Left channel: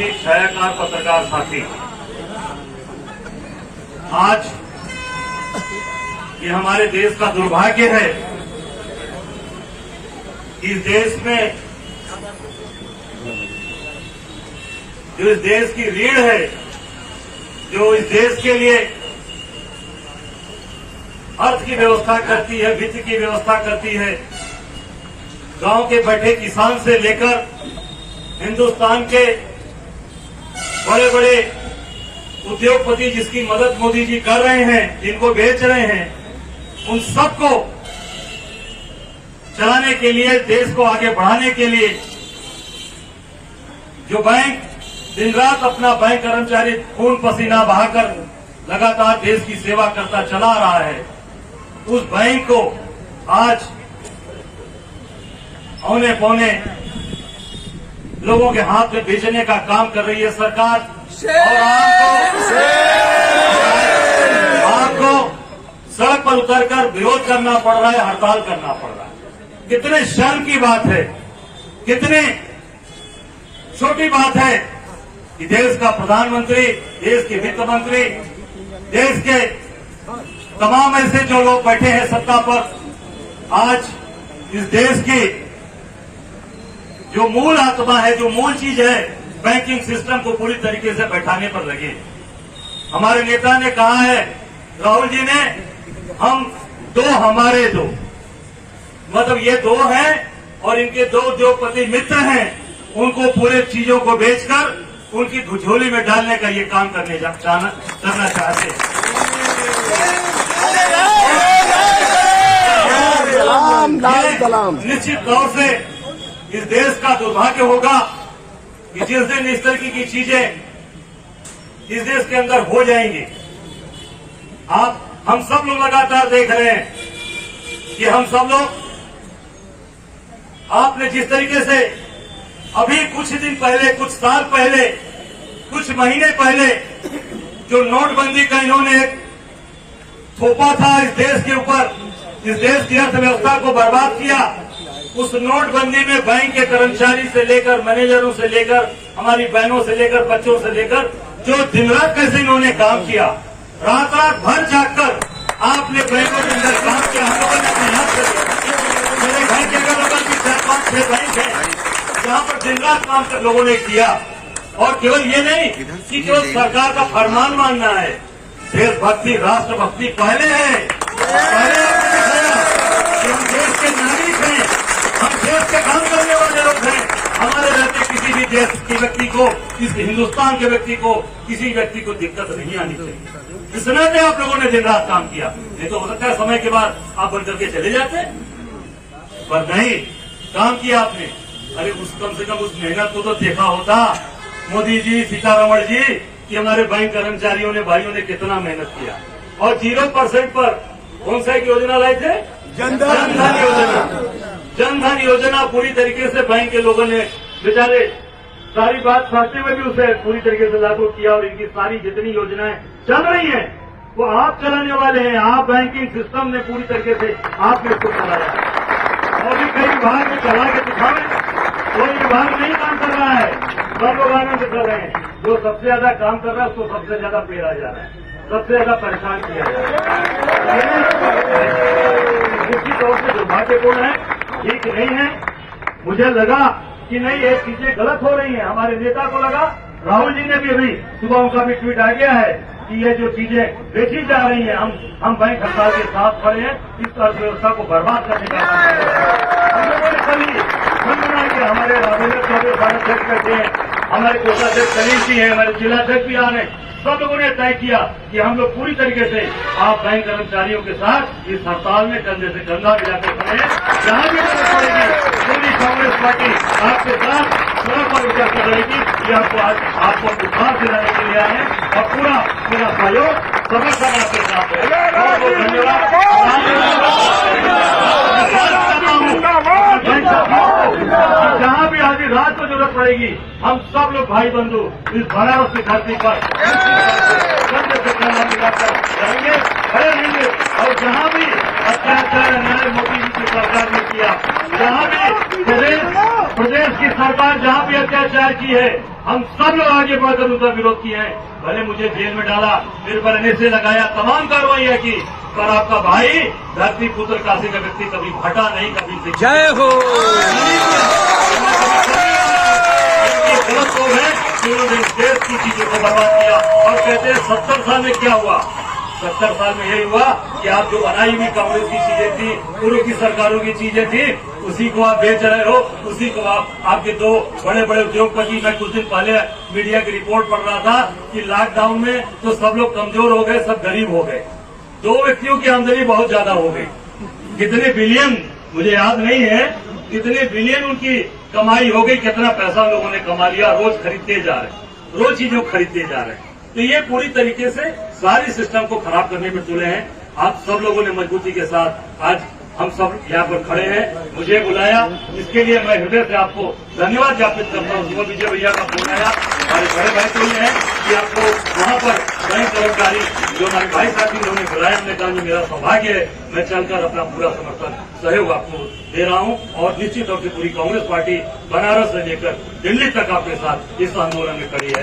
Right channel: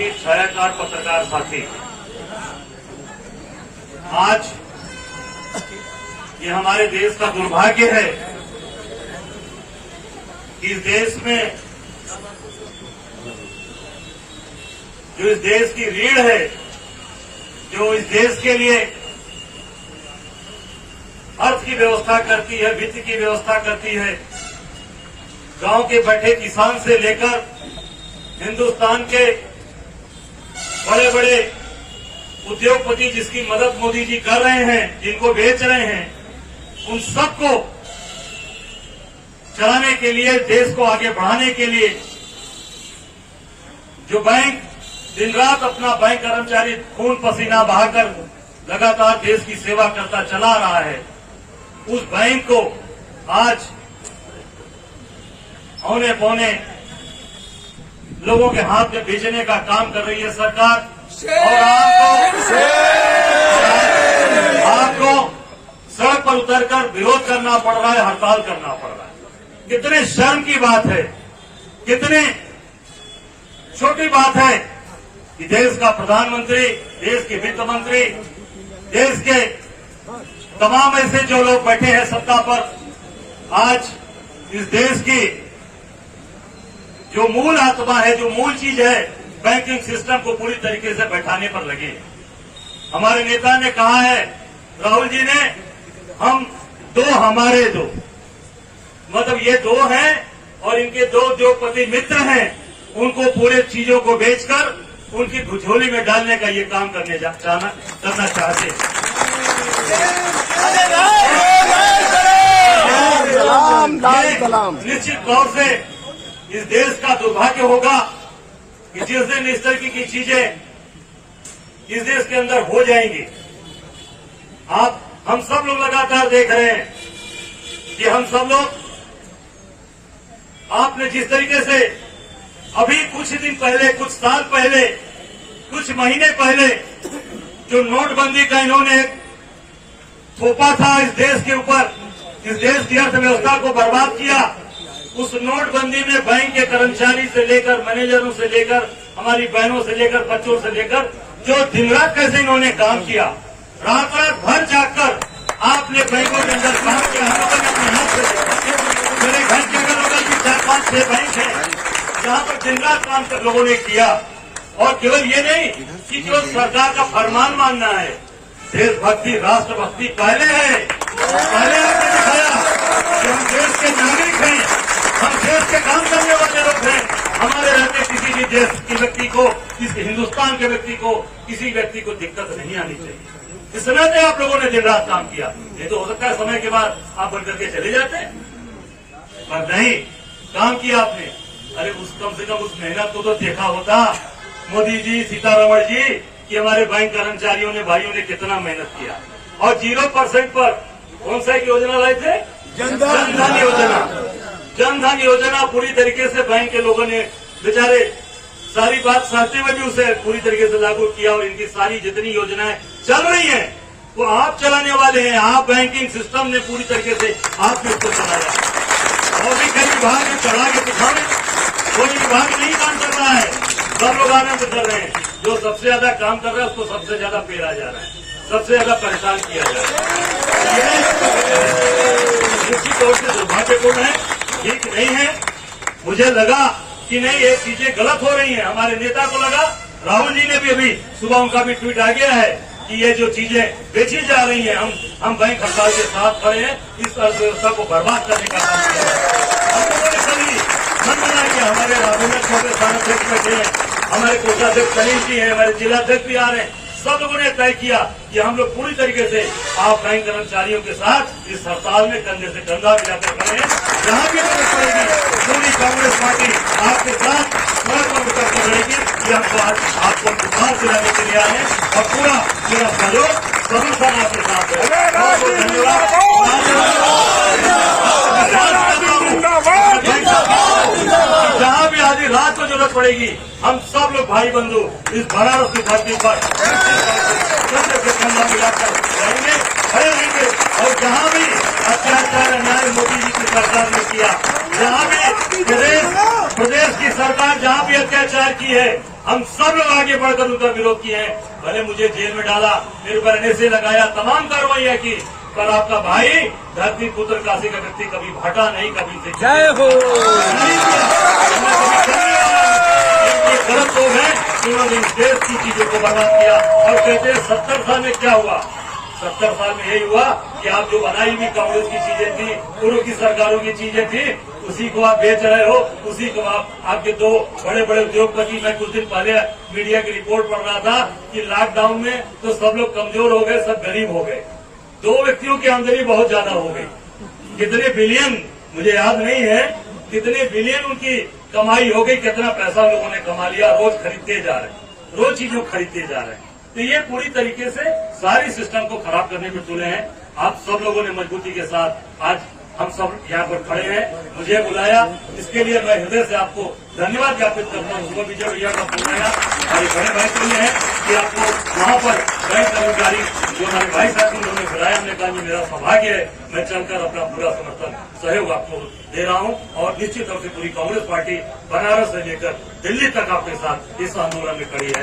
एक छायाकार पत्रकार साथी, आज ये हमारे देश का दुर्भाग्य है कि इस देश में जो इस देश की रीढ़ है, जो इस देश के लिए अर्थ की व्यवस्था करती है, वित्त की व्यवस्था करती है, गांव के बैठे किसान से लेकर हिंदुस्तान के बड़े बड़े उद्योगपति जिसकी मदद मोदी जी कर रहे हैं, जिनको बेच रहे हैं, उन सबको चलाने के लिए, देश को आगे बढ़ाने के लिए जो बैंक दिन रात अपना बैंक कर्मचारी खून पसीना बहाकर लगातार देश की सेवा करता चला रहा है, उस बैंक को आज औने पौने लोगों के हाथ में बेचने का काम कर रही है सरकार। और आपको सड़क पर उतरकर विरोध करना पड़ रहा है, हड़ताल करना पड़ रहा है। कितने शर्म की बात है, कितने छोटी बात है कि देश का प्रधानमंत्री, देश के वित्त मंत्री, देश के तमाम ऐसे जो लोग बैठे हैं सत्ता पर, आज इस देश की जो मूल आत्मा है, जो मूल चीज है, बैंकिंग सिस्टम को पूरी तरीके से बैठाने पर लगे। हमारे नेता ने कहा है, राहुल जी ने, हम दो हमारे दो, मतलब ये दो हैं और इनके दो जो पति मित्र हैं, उनको पूरे चीजों को बेचकर उनकी झोली में डालने का ये काम करना चाहते हैं। निश्चित तौर से इस देश का दुर्भाग्य होगा कि जिस दिन इस तरीके की चीजें इस देश के अंदर हो जाएंगी। हम सब लोग लगातार देख रहे हैं कि हम सब लोग, आपने जिस तरीके से अभी कुछ दिन पहले, कुछ साल पहले, कुछ महीने पहले जो नोटबंदी का इन्होंने थोपा था इस देश के ऊपर, इस देश की अर्थव्यवस्था को बर्बाद किया, उस नोटबंदी में बैंक के कर्मचारी से लेकर, मैनेजरों से लेकर, हमारी बहनों से लेकर, बच्चों से लेकर, जो दिन रात कैसे इन्होंने काम किया, रात रात भर जाकर आपने बैंकों के अंदर काम किया। अपने हाथ से मेरे घर के अगल भी 4-5-6 बैंक है जहां पर दिन रात काम कर लोगों ने किया। और केवल ये नहीं कि केवल सरकार का फरमान मानना है, देशभक्ति, राष्ट्रभक्ति पहले है, पहले हम देश के नागरिक हैं, हम देश के काम करने वाले लोग हैं। हमारे रहते किसी भी देश के व्यक्ति को, इस हिंदुस्तान के व्यक्ति को, किसी व्यक्ति को दिक्कत नहीं आनी चाहिए। इसलिए तो आप लोगों ने दिन रात काम किया। ये तो हो सकता है समय के बाद आप बंद करके चले जाते, पर नहीं, काम किया आपने। अरे उस कम से कम उस मेहनत को तो देखा होता मोदी जी, सीतारमण जी, कि हमारे बैंक कर्मचारियों ने, भाइयों ने कितना मेहनत किया। और 0% पर कौन सा एक योजना लाए थे? जनधन योजना। जनधन योजना पूरी तरीके से बैंक के लोगों ने बेचारे सारी बात समझते हुए भी उसे पूरी तरीके से लागू किया। और इनकी सारी जितनी योजनाएं चल रही हैं वो आप चलाने वाले हैं। आप बैंकिंग सिस्टम ने पूरी तरीके से आपने इसको चलाया। और भी कई विभाग में चला के दिखावे, कोई विभाग नहीं काम कर रहा है, सब लोग आनंद कर रहे हैं। जो सबसे ज्यादा काम कर रहा है उसको सबसे ज्यादा पेड़ा जा रहा है, सबसे ज्यादा परेशान किया जा रहा है। निश्चित तौर से दुर्भाग्यपूर्ण है, ठीक नहीं है। मुझे लगा कि नहीं, ये चीजें गलत हो रही हैं। हमारे नेता को लगा, राहुल जी ने भी अभी सुबह उनका भी ट्वीट आ गया है कि ये जो चीजें बेची जा रही हैं, हम बैंक हड़ताल के साथ खड़े हैं, इस अर्थव्यवस्था को बर्बाद करने का काम कर रहे हैं। हमारे बैठे हैं, हमारे कोषाध्यक्ष सलीम जी हैं, हमारे जिलाध्यक्ष भी आ रहे हैं। सब लोगों ने तय किया कि हम लोग पूरी तरीके से आप बैंक कर्मचारियों के साथ इस हड़ताल में कंधे से कंधा मिलाकर खड़े हैं। जहां भी जरूरत पड़ेगी पूरी कांग्रेस पार्टी आपके साथ पूरा पर उतर कर रहेगी। ये आपको बुखार दिलाने के लिए आए हैं और पूरा मेरा सहयोग सभी समाज के साथ है। जहां भी आधी रात को जरूरत पड़ेगी, हम सब लोग भाई बंधु इस बनारस की धरती पर मिलाकर रहेंगे, खड़े रहेंगे। और जहां भी अत्याचार अन्याय मोदी जी की सरकार ने किया, वहां भी प्रदेश की सरकार जहां भी अत्याचार की है, हम सब लोग आगे बढ़कर उनका विरोध किए हैं। भले मुझे जेल में डाला, मेरे पर एनएसए लगाया, तमाम कार्रवाइयां की, पर आपका भाई धरती पुत्र काशी का व्यक्ति कभी घटा नहीं, कभी जय हो। उन्होंने इस देश की चीजों को बर्बाद किया और कहते हैं 70 साल में क्या हुआ। 70 साल में यही हुआ कि आप जो बनाई हुई कांग्रेस की चीजें थी, पूर्व की सरकारों की चीजें थी, उसी को आप बेच रहे हो, उसी को आपके दो बड़े बड़े उद्योगपति। मैं कुछ दिन पहले मीडिया की रिपोर्ट पढ़ रहा था कि लॉकडाउन में तो सब लोग कमजोर हो गए, सब गरीब हो गए। 2 व्यक्तियों की आमदनी बहुत ज्यादा हो गई। कितने बिलियन मुझे याद नहीं है, कितने बिलियन उनकी कमाई हो गई, कितना पैसा लोगों ने कमा लिया। रोज खरीदते जा रहे, रोज चीजों खरीदते जा रहे हैं। तो ये पूरी तरीके से सारी सिस्टम को खराब करने में तुले हैं। आप सब लोगों ने मजबूती के साथ आज हम सब यहाँ पर खड़े हैं, मुझे बुलाया, इसके लिए मैं हृदय से आपको धन्यवाद ज्ञापित करता हूँ। सुमन विजय भैया का फोन आया और बड़े भाई को है कि आपको वहाँ पर बैंक कर्मचारी जो हमारे भाई साथी उन्होंने बुलाया, हमने कहा कि मेरा सौभाग्य है, मैं चलकर अपना पूरा समर्थन सहयोग आपको दे रहा हूँ। और निश्चित तौर से पूरी कांग्रेस पार्टी बनारस से लेकर दिल्ली तक आपके साथ इस आंदोलन में खड़ी है।